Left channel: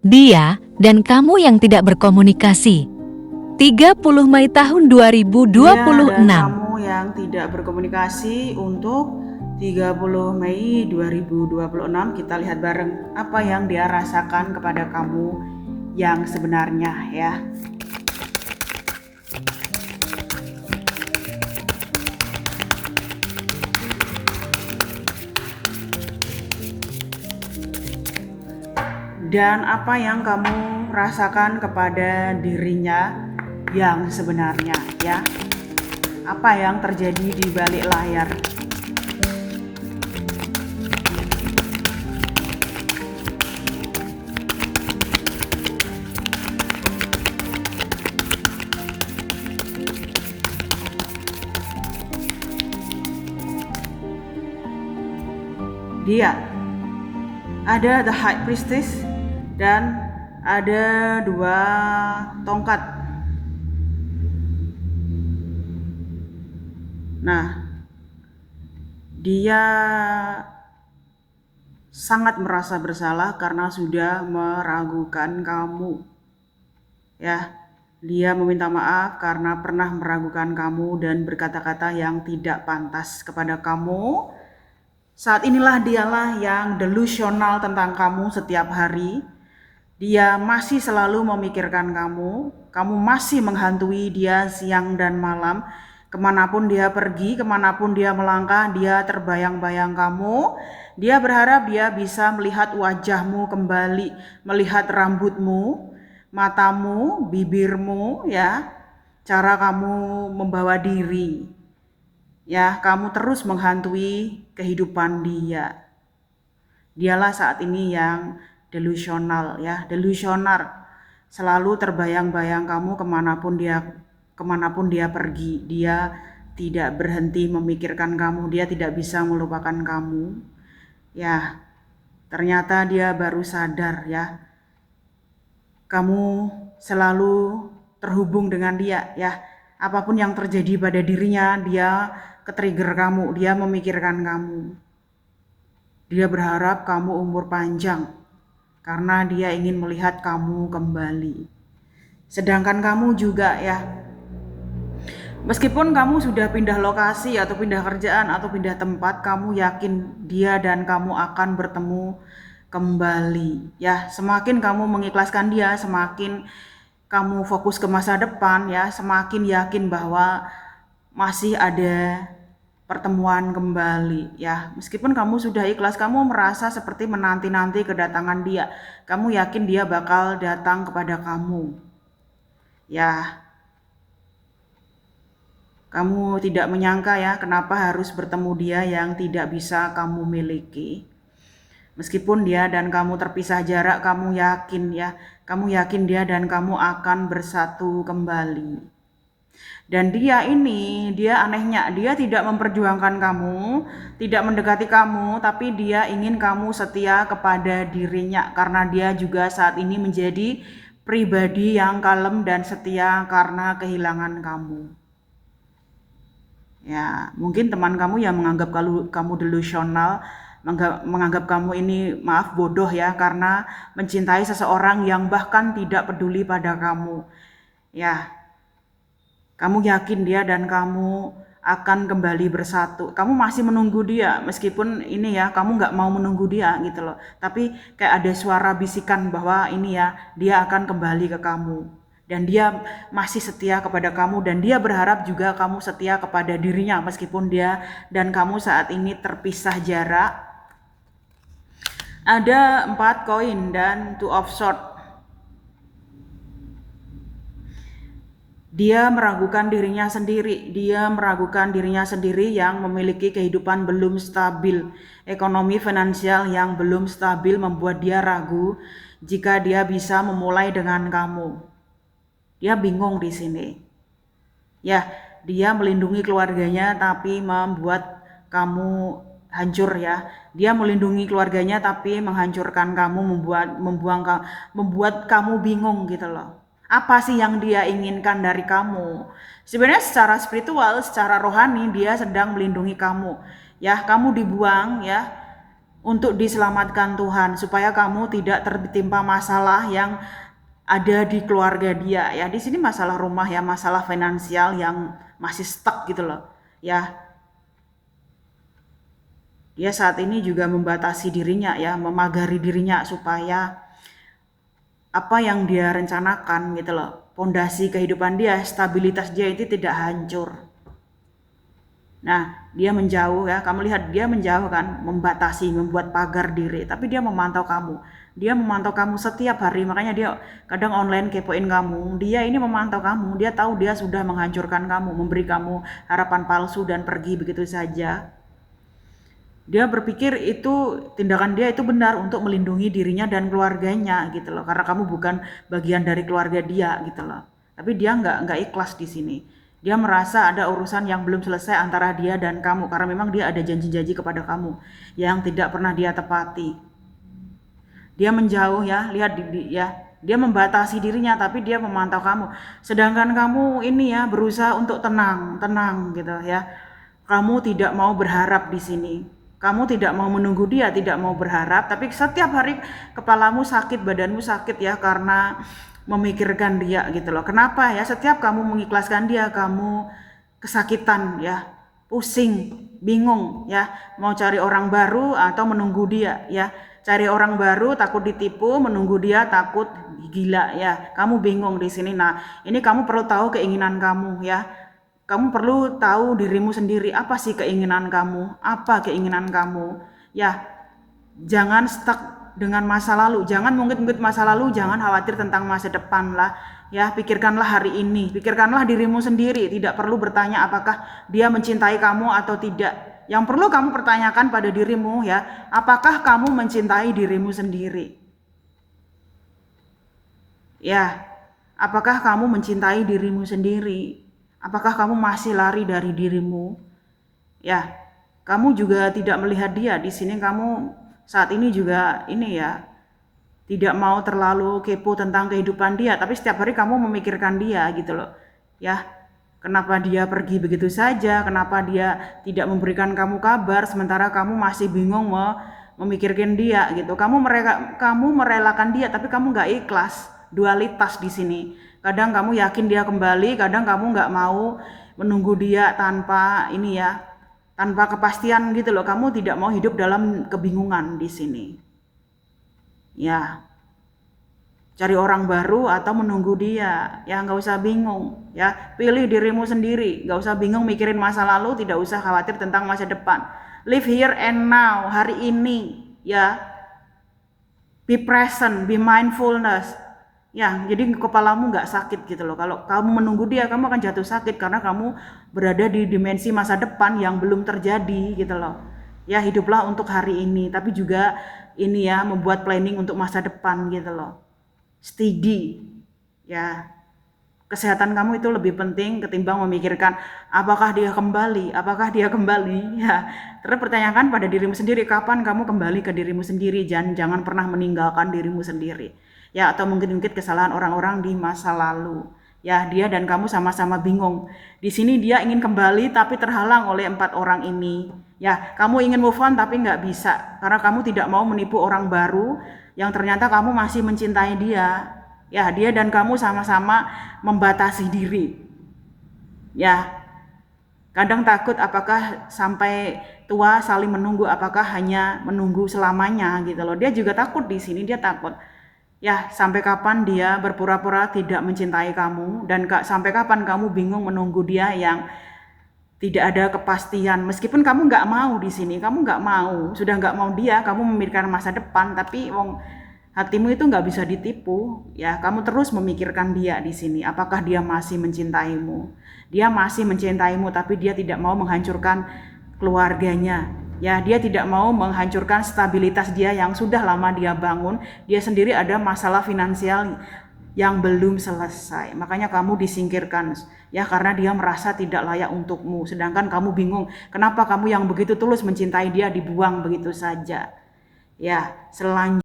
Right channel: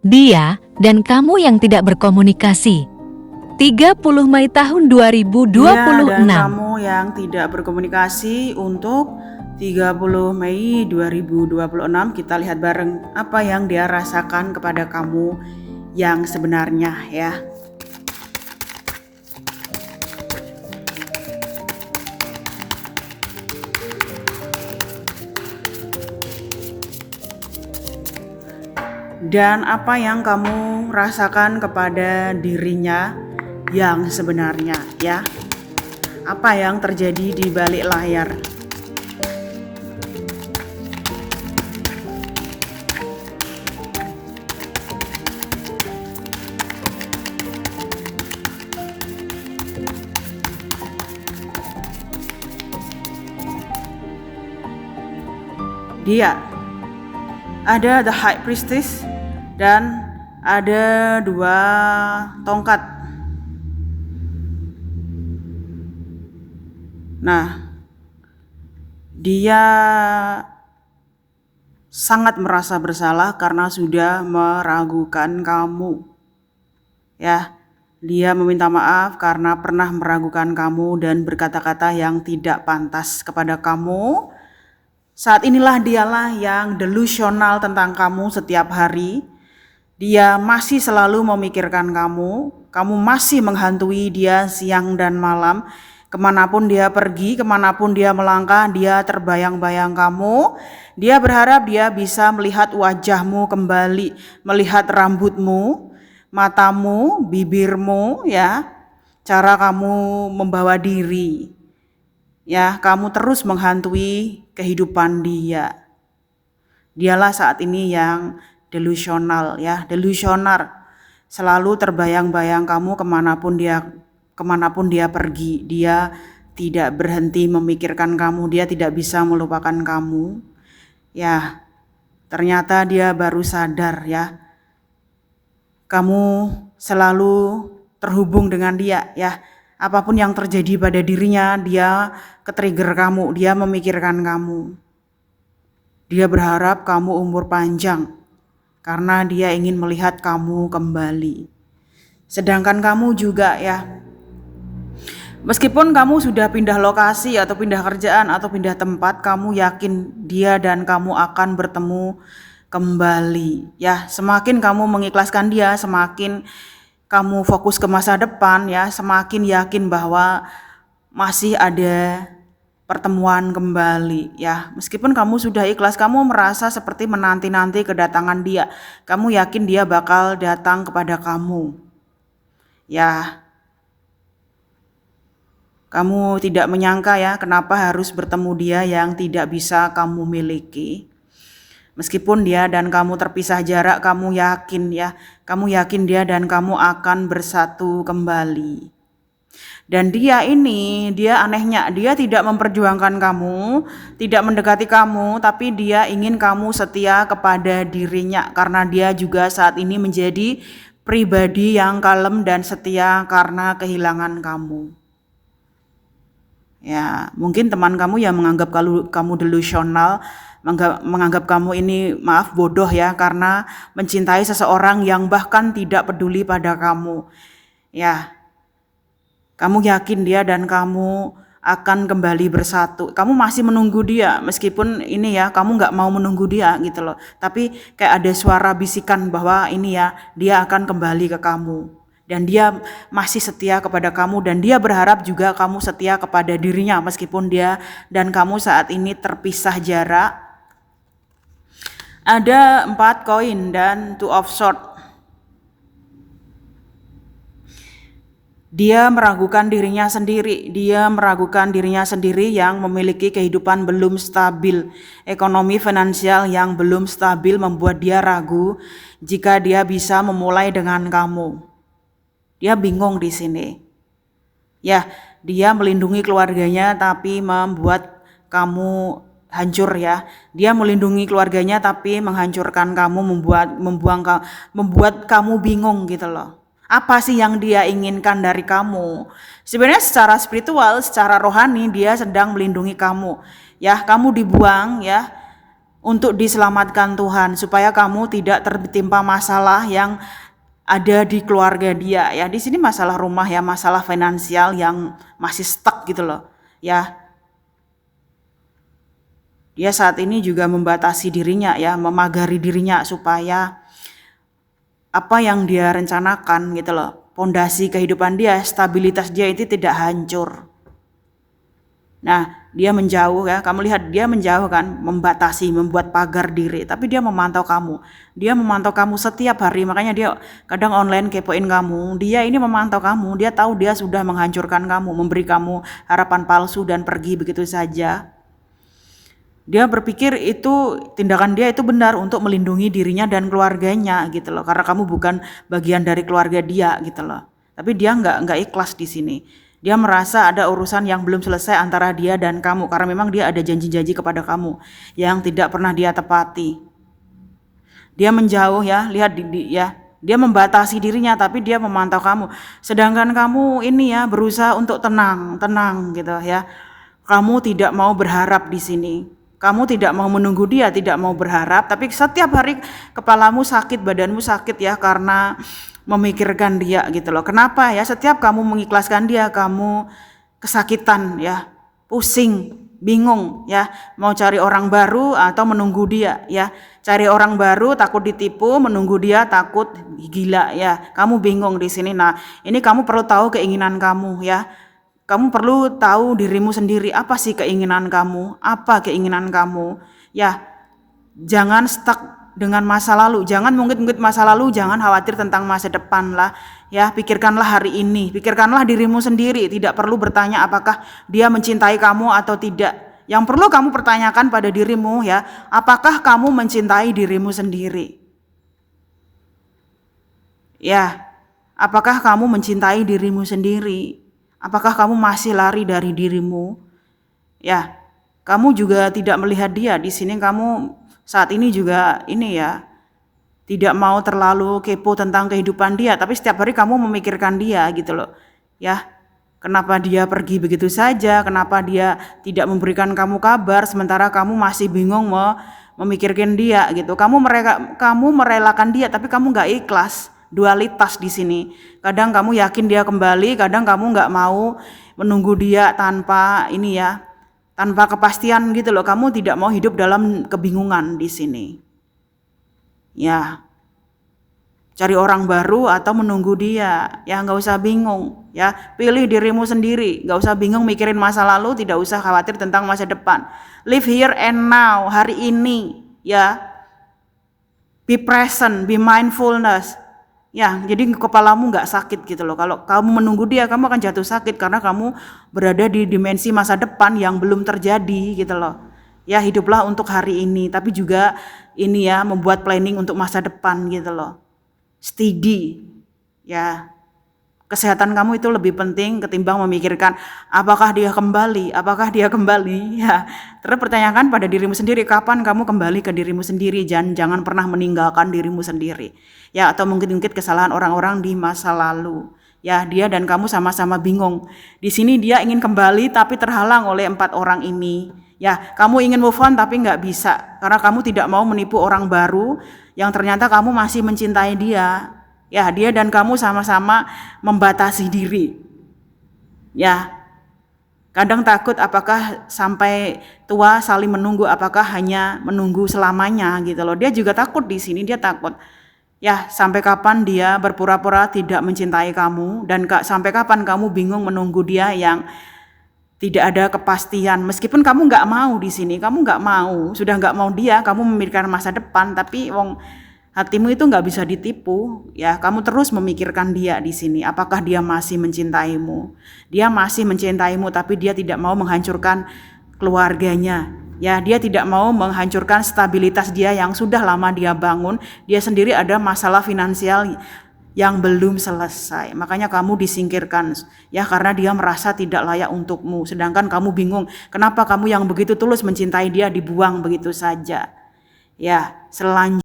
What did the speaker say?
Dia dan kamu yang tidak berkomunikasi. 30 Mei tahun Dia dan 2026. kamu yang tidak berkomunikasi untuk 30 Mei 2026. Kita lihat bareng apa yang dia rasakan kepada kamu yang sebenarnya ya. Dan apa yang kamu rasakan kepada dirinya yang sebenarnya ya. Apa yang terjadi di balik layar? Dia ada the High Priestess dan ada 2 tongkat. Nah, dia sangat merasa bersalah karena sudah meragukan kamu. Ya, dia meminta maaf karena pernah meragukan kamu dan berkata-kata yang tidak pantas kepada kamu. Saat inilah dialah yang delusional tentang kamu setiap hari. Dia masih selalu memikirkan kamu. Kamu masih menghantui dia siang dan malam. Kemanapun dia pergi, kemanapun dia melangkah, dia terbayang-bayang kamu. Dia berharap dia bisa melihat wajahmu kembali, melihat rambutmu, matamu, bibirmu, ya, cara kamu membawa diri. Ya, kamu terus menghantui kehidupan dia. Dialah saat ini yang delusional ya, delusionar. Selalu terbayang-bayang kamu kemanapun dia pergi. Dia tidak berhenti memikirkan kamu, dia tidak bisa melupakan kamu. Ya, ternyata dia baru sadar ya. Kamu selalu terhubung dengan dia ya. Apapun yang terjadi pada dirinya, dia ke-trigger kamu, dia memikirkan kamu. Dia berharap kamu umur panjang karena dia ingin melihat kamu kembali. Sedangkan kamu juga ya, meskipun kamu sudah pindah lokasi atau pindah kerjaan atau pindah tempat, kamu yakin dia dan kamu akan bertemu kembali. Ya, semakin kamu mengikhlaskan dia, semakin kamu fokus ke masa depan ya, semakin yakin bahwa masih ada pertemuan kembali ya. Meskipun kamu sudah ikhlas, kamu merasa seperti menanti-nanti kedatangan dia. Kamu yakin dia bakal datang kepada kamu. Ya, kamu tidak menyangka ya kenapa harus bertemu dia yang tidak bisa kamu miliki. Meskipun dia dan kamu terpisah jarak, kamu yakin dia dan kamu akan bersatu kembali. Dan dia anehnya, dia tidak memperjuangkan kamu, tidak mendekati kamu, tapi dia ingin kamu setia kepada dirinya karena dia juga saat ini menjadi pribadi yang kalem dan setia karena kehilangan kamu. Ya, mungkin teman kamu yang menganggap kamu delusional, menganggap kamu ini bodoh ya karena mencintai seseorang yang bahkan tidak peduli pada kamu. Ya, kamu yakin dia dan kamu akan kembali bersatu. Kamu masih menunggu dia meskipun ini ya kamu nggak mau menunggu dia gitu loh. Tapi kayak ada suara bisikan bahwa ini ya dia akan kembali ke kamu. Dan dia masih setia kepada kamu dan dia berharap juga kamu setia kepada dirinya meskipun dia dan kamu saat ini terpisah jarak. Ada 4 koin dan 2 of swords. Dia meragukan dirinya sendiri yang memiliki kehidupan belum stabil. Ekonomi finansial yang belum stabil membuat dia ragu jika dia bisa memulai dengan kamu. Dia bingung di sini. Ya, dia melindungi keluarganya tapi membuat kamu hancur ya. Dia melindungi keluarganya tapi menghancurkan kamu, membuat kamu bingung gitu loh. Apa sih yang dia inginkan dari kamu? Sebenarnya secara spiritual, secara rohani dia sedang melindungi kamu. Ya, kamu dibuang ya. untuk diselamatkan Tuhan, supaya kamu tidak tertimpa masalah yang ada di keluarga dia ya. Di sini masalah rumah ya, masalah finansial yang masih stuck gitu loh ya. Dia saat ini juga membatasi dirinya ya, memagari dirinya supaya apa yang dia rencanakan gitu loh, pondasi kehidupan dia, stabilitas dia itu tidak hancur. Nah, dia menjauh ya, kamu lihat dia menjauh kan, membatasi, membuat pagar diri, tapi dia memantau kamu. Dia memantau kamu setiap hari, makanya dia kadang online kepoin kamu. Dia ini memantau kamu, dia tahu dia sudah menghancurkan kamu, memberi kamu harapan palsu dan pergi begitu saja. Dia berpikir itu tindakan dia itu benar untuk melindungi dirinya dan keluarganya gitu loh, karena kamu bukan bagian dari keluarga dia gitu loh. Tapi dia nggak ikhlas di sini. Dia merasa ada urusan yang belum selesai antara dia dan kamu, karena memang dia ada janji-janji kepada kamu yang tidak pernah dia tepati. Dia menjauh ya, lihat ya, dia membatasi dirinya tapi dia memantau kamu. Sedangkan kamu ini ya berusaha untuk tenang gitu ya. Kamu tidak mau berharap di sini. Kamu tidak mau menunggu dia, tidak mau berharap, tapi setiap hari kepalamu sakit, badanmu sakit ya karena memikirkan dia gitu loh. Kenapa ya? Setiap kamu mengikhlaskan dia, kamu kesakitan ya, pusing, bingung ya, mau cari orang baru atau menunggu dia ya. Cari orang baru takut ditipu, menunggu dia takut gila ya. Kamu bingung di sini. Nah, ini kamu perlu tahu keinginan kamu ya. Kamu perlu tahu dirimu sendiri, apa sih keinginan kamu, apa keinginan kamu. Ya, jangan stuck dengan masa lalu, jangan mungkit-mungkit masa lalu, jangan khawatir tentang masa depan lah. Ya, pikirkanlah hari ini, pikirkanlah dirimu sendiri, tidak perlu bertanya apakah dia mencintai kamu atau tidak. Yang perlu kamu pertanyakan pada dirimu ya, apakah kamu mencintai dirimu sendiri? Ya, apakah kamu mencintai dirimu sendiri? Apakah kamu masih lari dari dirimu? Ya, kamu juga tidak melihat dia di sini. Kamu saat ini juga ini ya, tidak mau terlalu kepo tentang kehidupan dia, tapi setiap hari kamu memikirkan dia gitu loh. Ya, kenapa dia pergi begitu saja? Kenapa dia tidak memberikan kamu kabar sementara kamu masih bingung mau memikirkan dia gitu. Kamu merelakan dia tapi kamu nggak ikhlas. Dualitas di sini. Kadang kamu yakin dia kembali, kadang kamu nggak mau menunggu dia tanpa ini ya, tanpa kepastian gitu loh. Kamu tidak mau hidup dalam kebingungan di sini. Ya, cari orang baru atau menunggu dia. Ya nggak usah bingung. Ya, pilih dirimu sendiri. Nggak usah bingung mikirin masa lalu, tidak usah khawatir tentang masa depan. Live here and now, hari ini. Ya, be present, be mindfulness. Ya, jadi kepalamu nggak sakit gitu loh. Kalau kamu menunggu dia, kamu akan jatuh sakit karena kamu berada di dimensi masa depan yang belum terjadi gitu loh. Ya, hiduplah untuk hari ini, tapi juga ini ya, membuat planning untuk masa depan gitu loh. Steady, ya. Kesehatan kamu itu lebih penting ketimbang memikirkan apakah dia kembali, ya. Terus pertanyakan pada dirimu sendiri, kapan kamu kembali ke dirimu sendiri, jangan pernah meninggalkan dirimu sendiri. Ya, atau mungkin kesalahan orang-orang di masa lalu. Ya, dia dan kamu sama-sama bingung. Di sini dia ingin kembali tapi terhalang oleh 4 orang ini. Ya, kamu ingin move on tapi nggak bisa karena kamu tidak mau menipu orang baru yang ternyata kamu masih mencintai dia. Ya, dia dan kamu sama-sama membatasi diri. Ya, kadang takut apakah sampai tua saling menunggu, apakah hanya menunggu selamanya gitu loh. Dia juga takut di sini, dia takut. Ya, sampai kapan dia berpura-pura tidak mencintai kamu dan sampai kapan kamu bingung menunggu dia yang tidak ada kepastian. Meskipun kamu nggak mau di sini, kamu nggak mau, sudah nggak mau dia, kamu memikirkan masa depan, tapi hatimu itu nggak bisa ditipu. Ya, kamu terus memikirkan dia di sini. Apakah dia masih mencintaimu? Dia masih mencintaimu, tapi dia tidak mau menghancurkan keluarganya. Ya, dia tidak mau menghancurkan stabilitas dia yang sudah lama dia bangun. Dia sendiri ada masalah finansial yang belum selesai. Makanya kamu disingkirkan ya karena dia merasa tidak layak untukmu. Sedangkan kamu bingung, kenapa kamu yang begitu tulus mencintai dia dibuang begitu saja. Ya, selanjutnya